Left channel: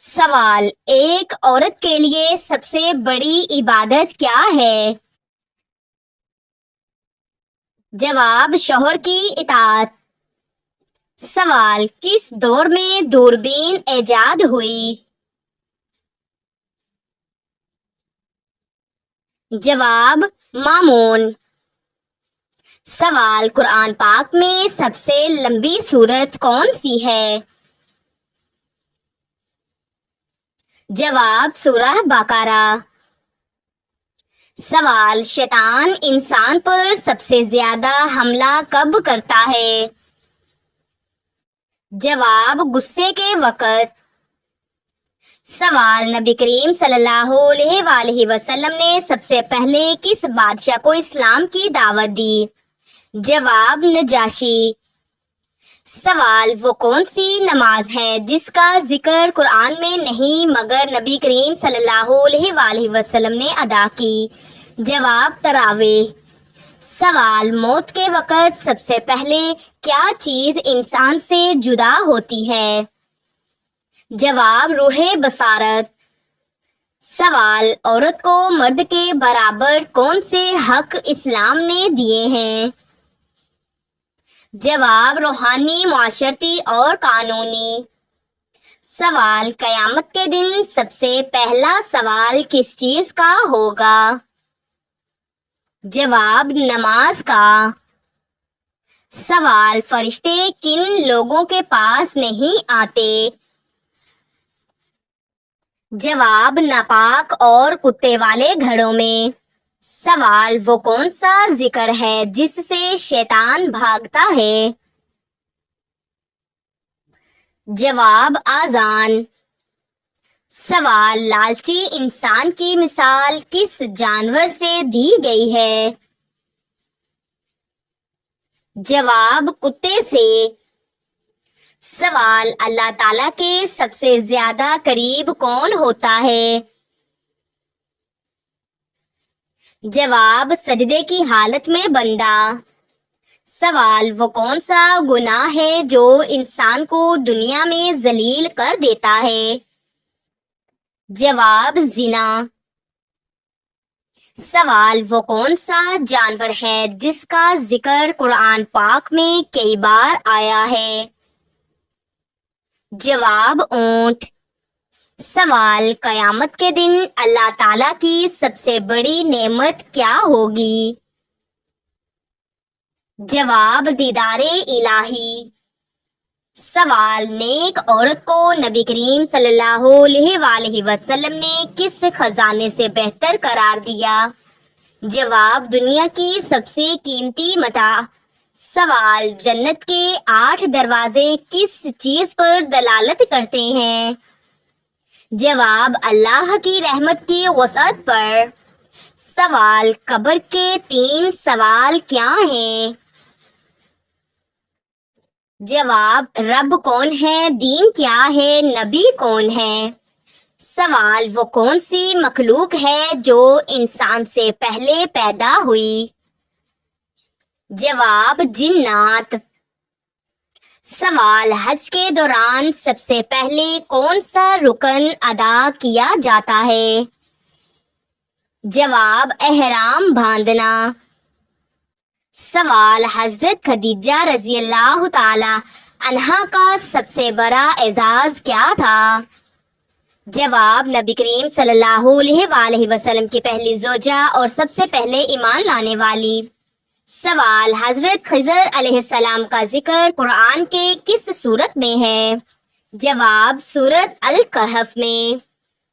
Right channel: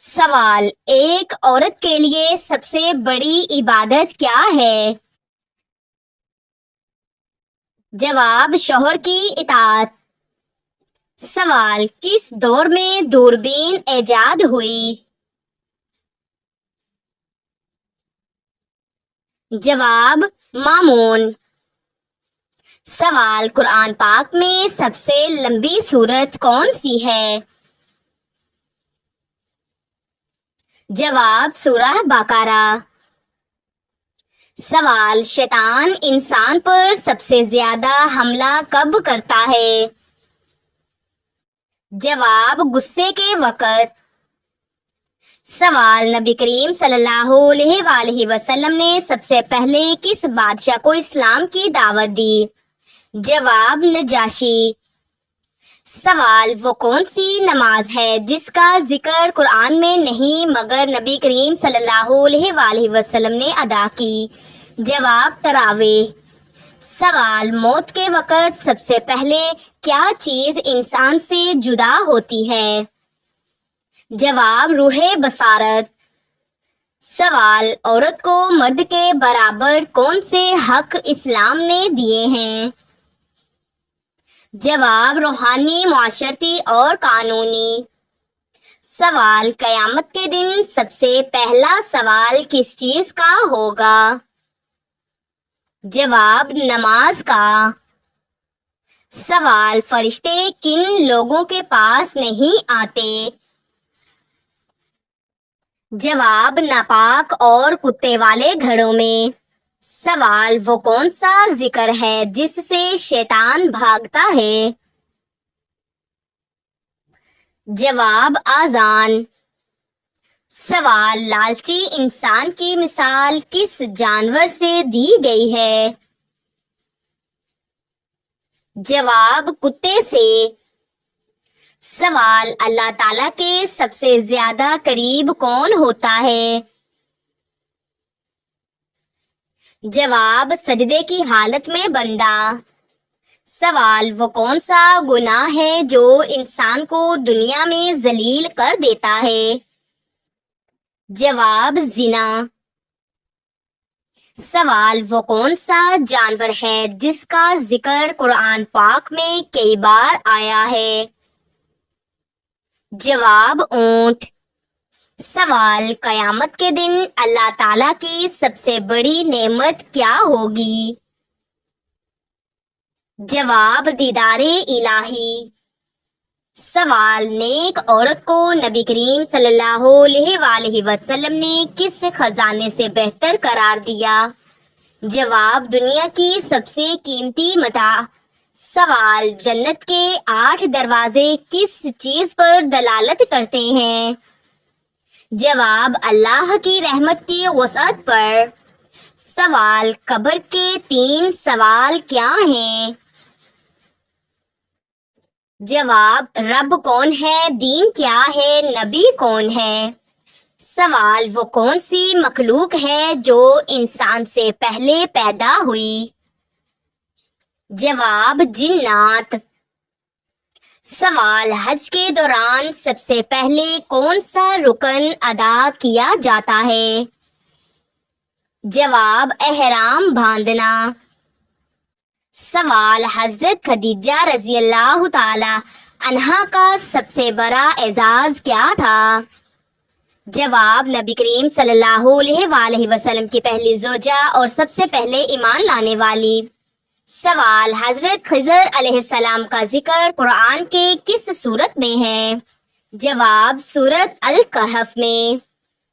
سوال: ایک عورت کے لیے سب سے بڑی عبادت کیا ہے؟ جواب: شوہر کی اطاعت۔ سوال: کس دور میں دوربین ایجاد ہوئی؟ جواب: مامون۔ سوال: قرآن پاک میں سب سے لمبی سورت کون سی ہے؟ جواب: سورہ بقرہ۔ سوال: شیطان انسان پر سب سے زیادہ حملہ کب کرتا ہے؟ جواب: غصے کے وقت۔ سوال: نبی کریم صلی اللہ علیہ وآلہ وسلم نے سب سے پہلے کس بادشاہ کو اسلام کی دعوت دی؟ جواب: نجاشی۔ سوال: وہ کون سی نماز ہے جس کا ذکر قرآن میں نہیں مگر نبی کریم صلی اللہ علیہ وآلہ وسلم نے ادا کی؟ جواب: تراویح۔ سوال: موت کے وقت سب سے پہلے کیا چیز انسان سے جدا ہوتی ہے؟ جواب: روح بصارت۔ سوال: عورت کو مرد کے برابر کون سے حق اسلام نے دیے ہیں؟ جواب: روحانی، معاشرتی اور قانونی۔ سوال: قیامت کے دن سب سے پہلا سوال کس چیز کا ہوگا؟ جواب: نماز کا۔ سوال: فرشتے کن لوگوں کے پاس نہیں آتے؟ جواب: ناپاک اور کتے والے گھروں میں۔ سوال: وہ کون سا ذکر ہے جس سے شیطان بھاگتا ہے؟ جواب: آذان۔ سوال: لالچی انسان کی مثال کس جانور سے دی گئی ہے؟ جواب: کتے سے۔ سوال: اللہ تعالیٰ کے سب سے زیادہ قریب کون ہوتا ہے؟ جواب: سجدے کی حالت میں بندہ۔ سوال: وہ کون سا گناہ ہے جو انسان کو دنیا میں ذلیل کر دیتا ہے؟ جواب: زنا۔ سوال: وہ کون سا جانور ہے جس کا ذکر قرآن پاک میں کئی بار آیا ہے؟ جواب: اونٹ۔ سوال: قیامت کے دن اللہ تعالیٰ کی سب سے بڑی نعمت کیا ہوگی؟ جواب: دیدار الہی۔ سوال: نیک عورت کو نبی کریم صلی اللہ علیہ وآلہ وسلم نے کس خزانے سے بہتر قرار دیا؟ جواب: دنیا کی سب سے قیمتی متاع۔ سوال: جنت کے 8 دروازے کس چیز پر دلالت کرتے ہیں؟ جواب: اللہ کی رحمت کی وسعت پر۔ سوال: قبر کے 3 سوال کیا ہیں؟ جواب: رب کون ہے، دین کیا ہے، نبی کون ہے؟ سوال: وہ کون سی مخلوق ہے جو انسان سے پہلے پیدا ہوئی؟ جواب: جنات۔ سوال: حج کے دوران سب سے پہلے کون سا رکن ادا کیا جاتا ہے؟ جواب: احرام باندھنا۔ سوال: حضرت خدیجہ رضی اللہ تعالی عنہا کا سب سے بڑا اعزاز کیا تھا؟ جواب: نبی کریم صلی اللہ علیہ وآلہ وسلم کی پہلی زوجہ اور سب سے پہلے ایمان لانے والی۔ سوال: حضرت خضر علیہ السلام کا ذکر قرآن کے کس سورت میں ہے؟ جواب: سورت الکہف میں۔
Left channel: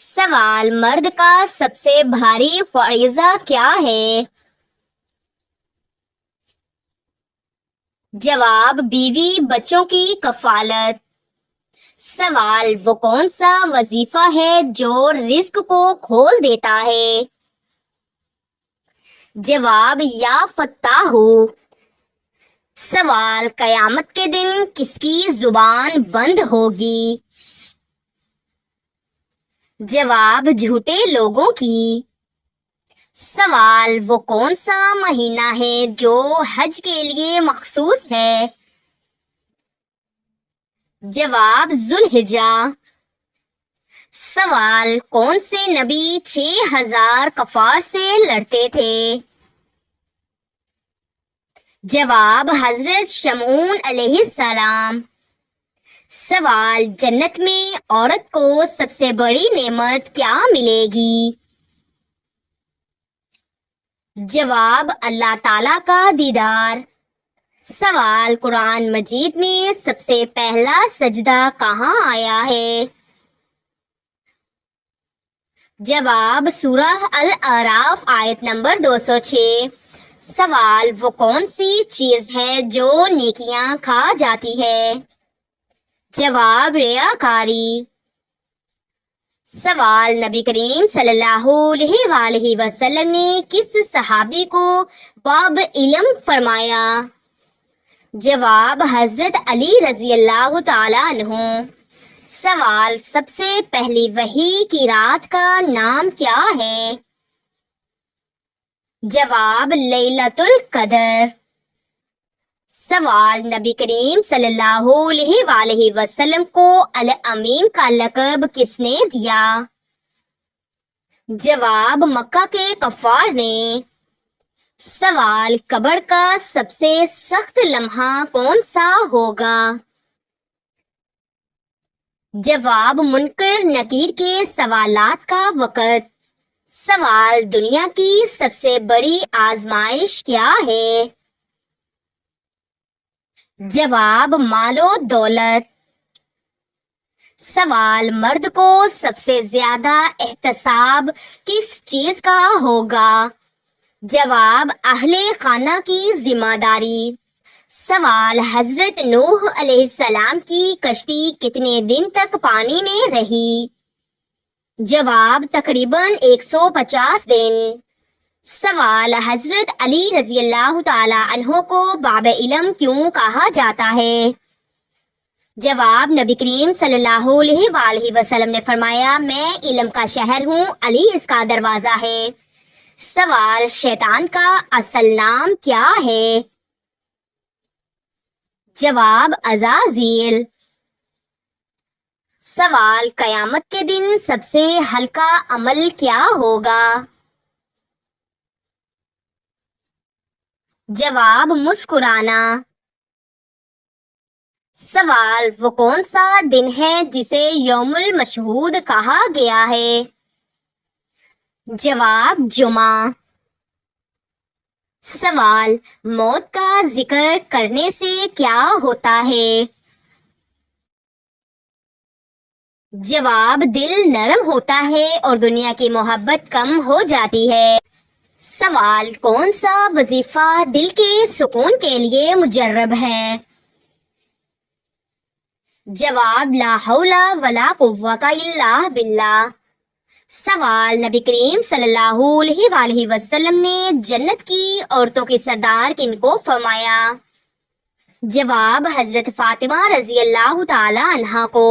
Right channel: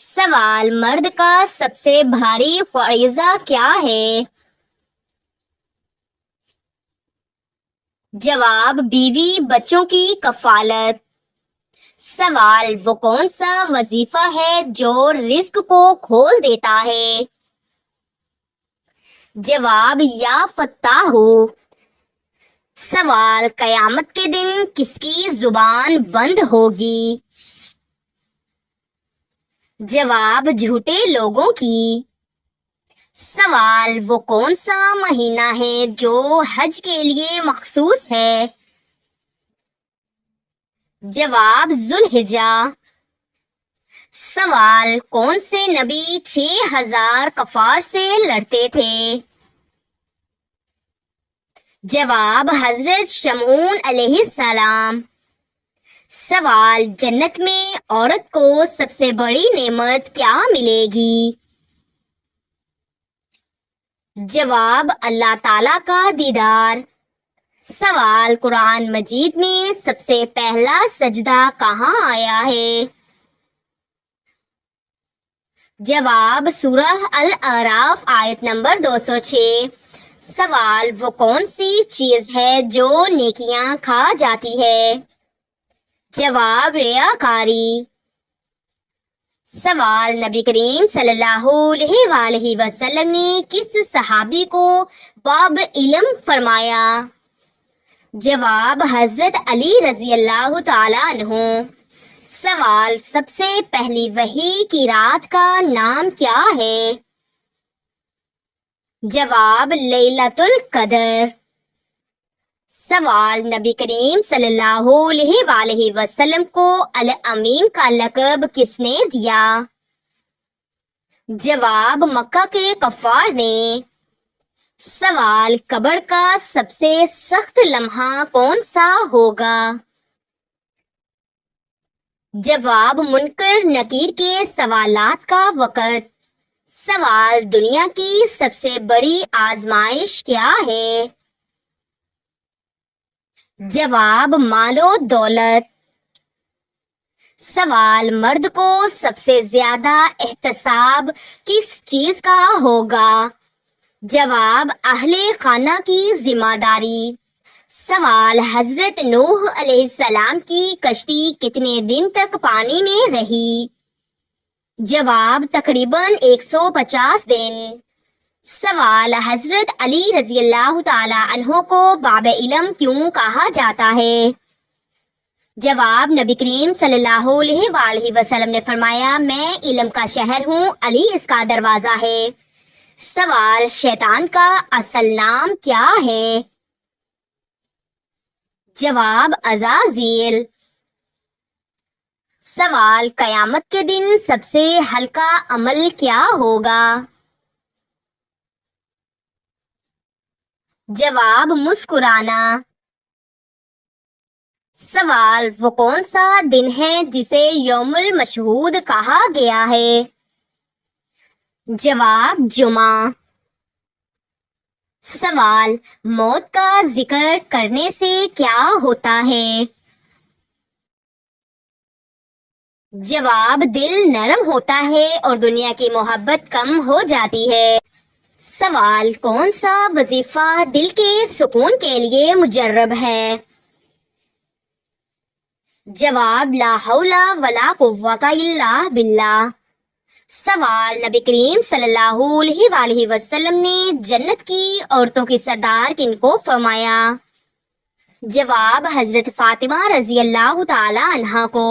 سوال: مرد کا سب سے بھاری فریضہ کیا ہے؟ جواب: بیوی بچوں کی کفالت۔ سوال: وہ کون سا وظیفہ ہے جو رزق کو کھول دیتا ہے؟ جواب: یا فتاح۔ سوال: قیامت کے دن کس کی زبان بند ہوگی؟ جواب: جھوٹے لوگوں کی۔ سوال: وہ کون سا مہینہ ہے جو حج کے لیے مخصوص ہے؟ جواب: ذوالحجہ۔ سوال: کون سے نبی 6000 کفار سے لڑتے تھے؟ جواب: حضرت شمعون علیہ السلام۔ سوال: جنت میں عورت کو سب سے بڑی نعمت کیا ملے گی؟ جواب: اللہ تعالیٰ کا دیدار۔ سوال: قرآن مجید میں سب سے پہلا سجدہ کہاں آیا ہے؟ جواب: سورہ الاعراف آیت نمبر 206۔ سوال: وہ کون سی چیز ہے جو نیکیاں کھا جاتی ہے؟ جواب: ریاکاری۔ سوال: نبی کریم صلی اللہ علیہ وآلہ وسلم نے کس صحابی کو باب علم فرمایا؟ جواب: حضرت علی رضی اللہ تعالیٰ عنہ۔ سوال: سب سے پہلی وحی کی رات کا نام کیا ہے؟ جواب: لیلۃ القدر۔ سوال: نبی کریم صلی اللہ علیہ وآلہ وسلم کو الامین کا لقب کس نے دیا؟ جواب: مکہ کے کفار نے۔ سوال: قبر کا سب سے سخت لمحہ کون سا ہوگا؟ جواب: منکر نکیر کے سوالات کا وقت۔ سوال: دنیا کی سب سے بڑی آزمائش کیا ہے؟ جواب: مال و دولت۔ سوال: مرد کو سب سے زیادہ احتساب کس چیز کا ہوگا؟ جواب: اہل خانہ کی ذمہ داری۔ سوال: حضرت نوح علیہ السلام کی کشتی کتنے دن تک پانی میں رہی؟ جواب: تقریباً 150 دن۔ سوال: حضرت علی رضی اللہ تعالی عنہ کو باب علم کیوں کہا جاتا ہے؟ جواب: نبی کریم صلی اللہ علیہ وآلہ وسلم نے فرمایا، میں علم کا شہر ہوں، علی اس کا دروازہ ہے۔ سوال: شیطان کا اصل نام کیا ہے؟ جواب: عزازیل۔ سوال: قیامت کے دن سب سے ہلکا عمل کیا ہوگا؟ جواب: مسکرانا۔ سوال: وہ کون سا دن ہے جسے یوم المشہود کہا گیا ہے؟ جواب: جمعہ۔ سوال: موت کا ذکر کرنے سے کیا ہوتا ہے؟ جواب: دل نرم ہوتا ہے اور دنیا کی محبت کم ہو جاتی ہے۔ سوال: کون سا وظیفہ دل کے سکون کے لیے مجرب ہے؟ جواب: لا حول ولا قوت الا باللہ۔ سوال: نبی کریم صلی اللہ علیہ وآلہ وسلم نے جنت کی عورتوں کی سردار کن کو فرمایا؟ جواب: حضرت فاطمہ رضی اللہ تعالی عنہا کو۔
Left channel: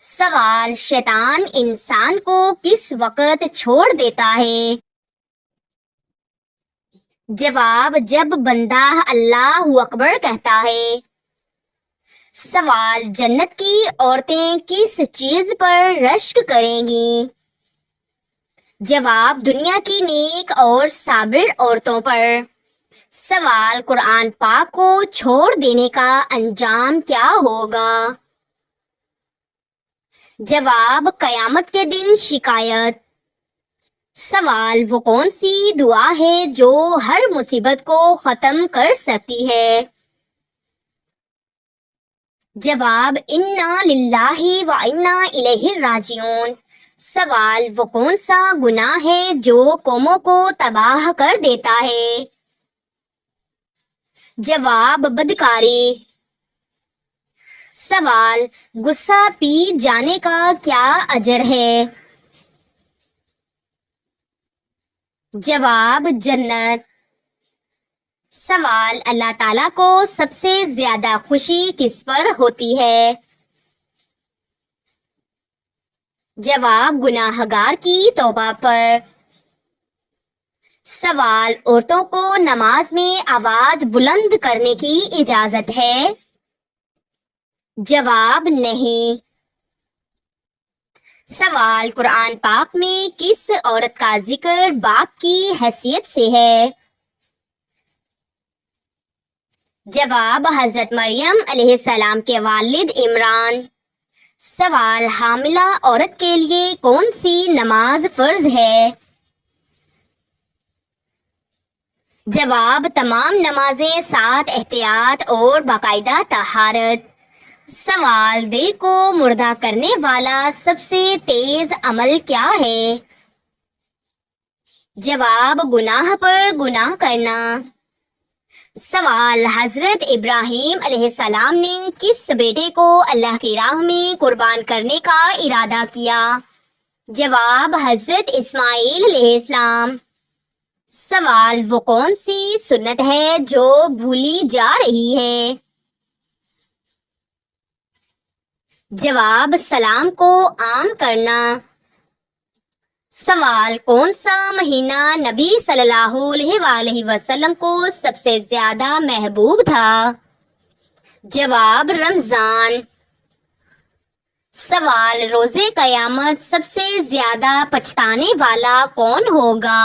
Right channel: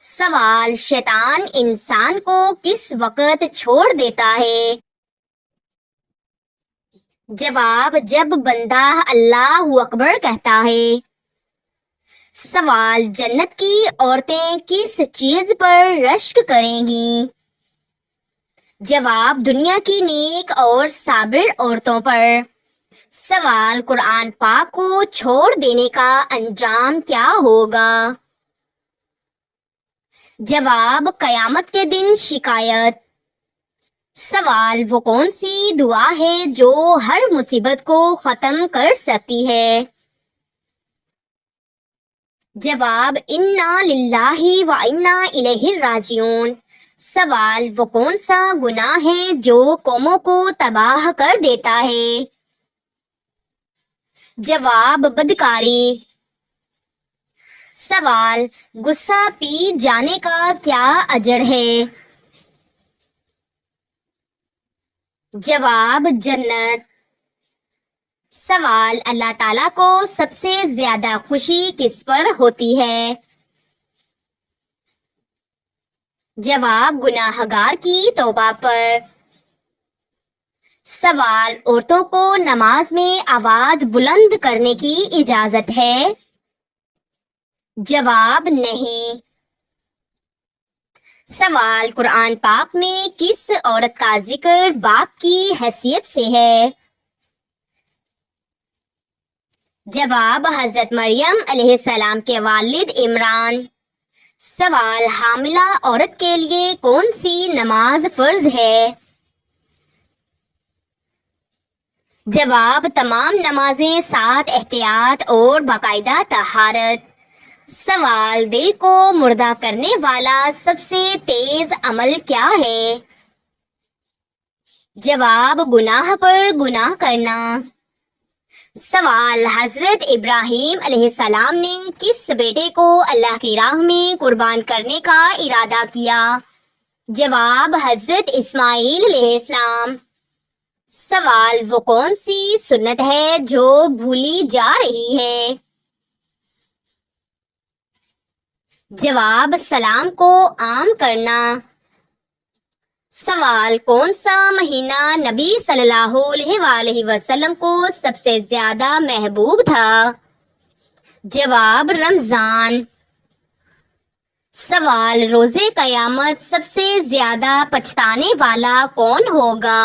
سوال: شیطان انسان کو کس وقت چھوڑ دیتا ہے؟ جواب: جب بندہ اللہ اکبر کہتا ہے۔ سوال: جنت کی عورتیں کس چیز پر رشک کریں گی؟ جواب: دنیا کی نیک اور صابر عورتوں پر۔ سوال: قرآن پاک کو چھوڑ دینے کا انجام کیا ہوگا؟ جواب: قیامت کے دن شکایت۔ سوال: وہ کون سی دعا ہے جو ہر مصیبت کو ختم کر سکتی ہے؟ جواب: انا للہ و انا الیہ راجعون۔ سوال: وہ کون سا گناہ ہے جو قوموں کو تباہ کر دیتا ہے؟ جواب: بدکاری۔ سوال: غصہ پی جانے کا کیا اجر ہے؟ جواب: جنت۔ سوال: اللہ تعالیٰ کو سب سے زیادہ خوشی کس پر ہوتی ہے؟ جواب: گناہگار کی توبہ پر۔ سوال: عورتوں کو نماز میں آواز بلند کرنے کی اجازت ہے؟ جواب: نہیں۔ سوال، قرآن پاک میں کس عورت کا ذکر باپ کی حیثیت سے ہے؟ جواب، حضرت مریم علیہ السلام کے والد عمران۔ سوال، حاملہ عورت کے لیے کون سی نماز فرض ہے؟ جواب، تمام نمازیں ساتھ احتیاط اور باقاعدہ طہارت۔ سوال، دل کو مردہ کرنے والا سب سے تیز عمل کیا ہے؟ جواب، گناہ پر گناہ کرنا۔ سوال، حضرت ابراہیم علیہ السلام نے کس بیٹے کو اللہ کی راہ میں قربان کرنے کا ارادہ کیا؟ جواب، حضرت اسماعیل علیہ السلام۔ سوال، وہ کون سی سنت ہے جو بھولی جا رہی ہے؟ جواب، سلام کو عام کرنا۔ سوال، کون سا مہینہ نبی صلی اللہ علیہ وآلہ وسلم کو سب سے زیادہ محبوب تھا؟ جواب، رمضان۔ سوال، روز قیامت سب سے زیادہ پچھتانے والا کون ہوگا؟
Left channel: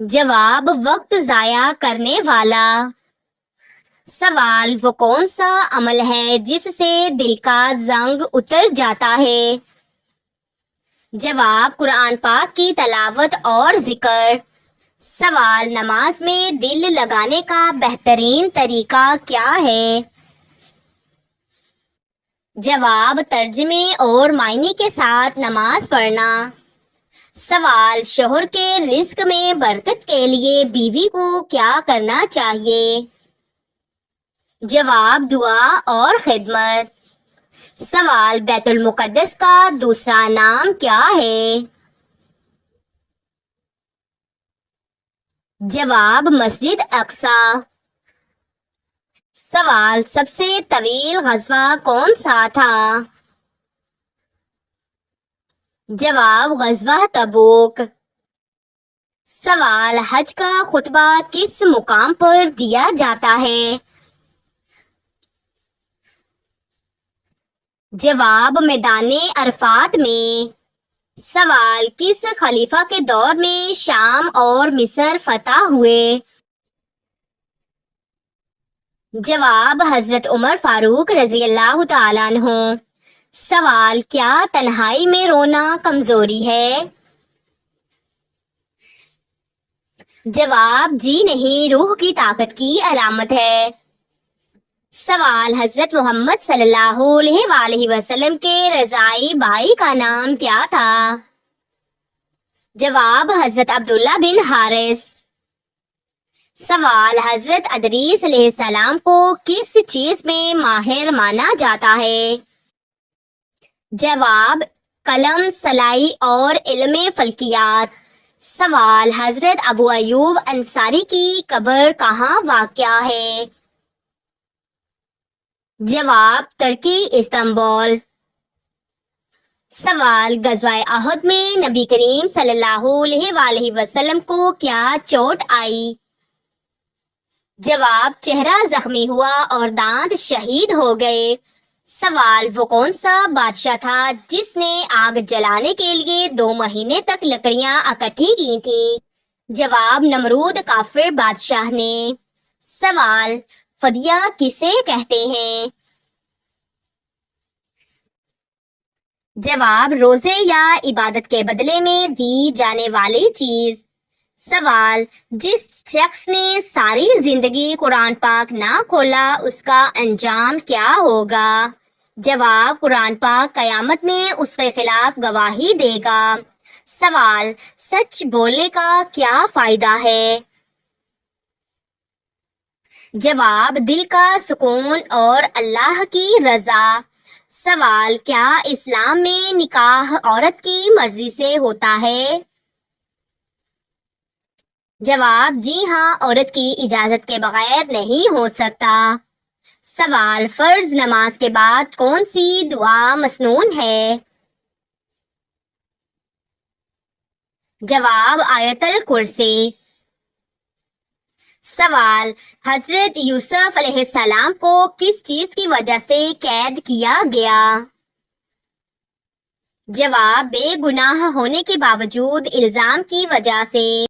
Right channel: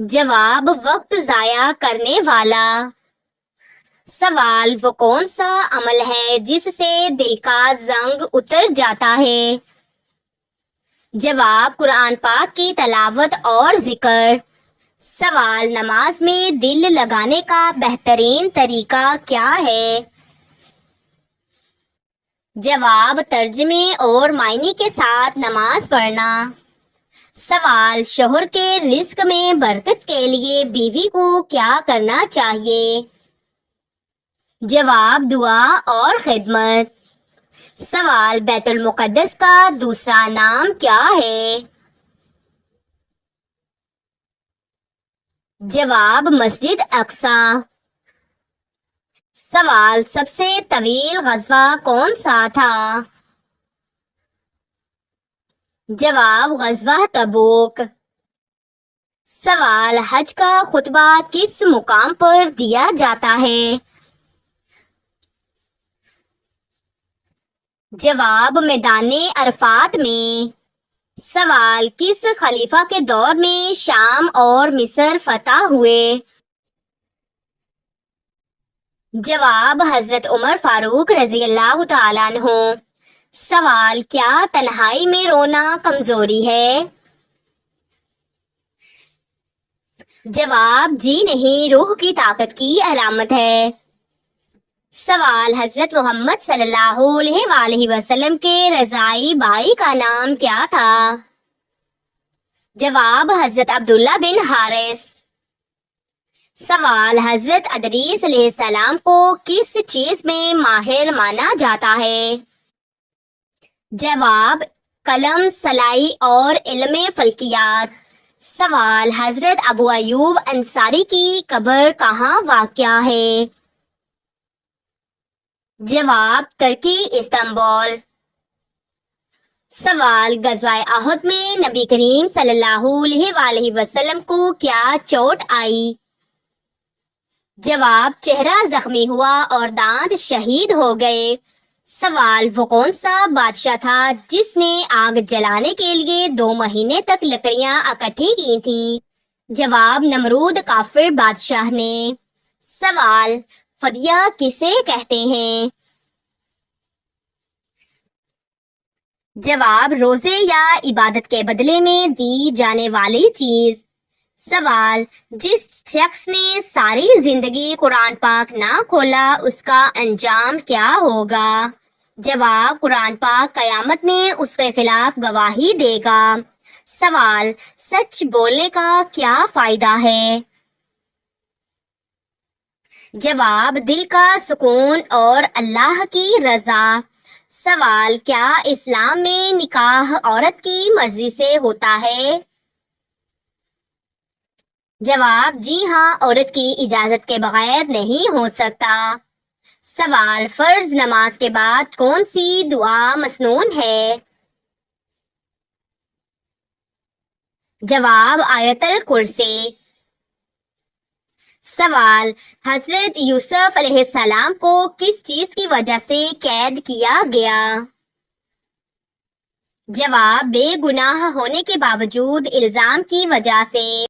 جواب، وقت ضائع کرنے والا۔ سوال، وہ کون سا عمل ہے جس سے دل کا زنگ اتر جاتا ہے؟ جواب، قرآن پاک کی تلاوت اور ذکر۔ سوال، نماز میں دل لگانے کا بہترین طریقہ کیا ہے؟ جواب، ترجمے اور معنی کے ساتھ نماز پڑھنا۔ سوال، شوہر کے رزق میں برکت کے لیے بیوی کو کیا کرنا چاہیے؟ جواب، دعا اور خدمت۔ سوال، بیت المقدس کا دوسرا نام کیا ہے؟ جواب، مسجد اقصی۔ سوال، سب سے طویل غزوہ کون سا تھا؟ جواب، غزوہ تبوک۔ سوال، حج کا خطبہ کس مقام پر دیا جاتا ہے؟ جواب، میدان عرفات میں۔ سوال، کس خلیفہ کے دور میں شام اور مصر فتح ہوئے؟ جواب، حضرت عمر فاروق رضی اللہ تعالیٰ عنہ۔ سوال، کیا تنہائی میں رونا کمزوری ہے؟ جواب، جی نہیں، روح کی طاقت کی علامت ہے۔ سوال، حضرت محمد صلی اللہ علیہ وآلہ وسلم کے رضاعی بھائی کا نام کیا تھا؟ جواب، حضرت عبداللہ بن حارث۔ سوال، حضرت ادریس علیہ السلام کو کس چیز میں ماہر مانا جاتا ہے؟ جواب، قلم، سلائی اور علم فلکیات۔ سوال، حضرت ابو ایوب انصاری کی قبر کہاں واقع ہے؟ جواب، ترکی، استنبول۔ سوال، غزوہ احد میں نبی کریم صلی اللہ علیہ وآلہ وسلم کو کیا چوٹ آئی؟ جواب، چہرہ زخمی ہوا اور دانت شہید ہو گئے۔ سوال، وہ کون سا بادشاہ تھا جس نے آگ جلانے کے لیے 2 مہینے تک لکڑیاں اکٹھی کی تھیں؟ جواب، نمرود کافر بادشاہ نے۔ سوال، فدیہ کسے کہتے ہیں؟ جواب، روزے یا عبادت کے بدلے میں دی جانے والی چیز۔ سوال، جس شخص نے ساری زندگی قرآن پاک نہ کھولا اس کا انجام کیا ہوگا؟ جواب، قرآن پاک قیامت میں اس کے خلاف گواہی دے گا۔ سوال، سچ بولنے کا کیا فائدہ ہے؟ جواب، دل کا سکون اور اللہ کی رضا۔ سوال، کیا اسلام میں نکاح عورت کی مرضی سے ہوتا ہے؟ جواب، جی ہاں، عورت کی اجازت کے بغیر نہیں ہو سکتا۔ سوال، فرض نماز کے بعد کون سی دعا مسنون ہے؟ جواب، آیت الکرسی۔ سوال، حضرت یوسف علیہ السلام کو کس چیز کی وجہ سے قید کیا گیا؟ جواب: بے گناہ ہونے کے باوجود الزام کی وجہ سے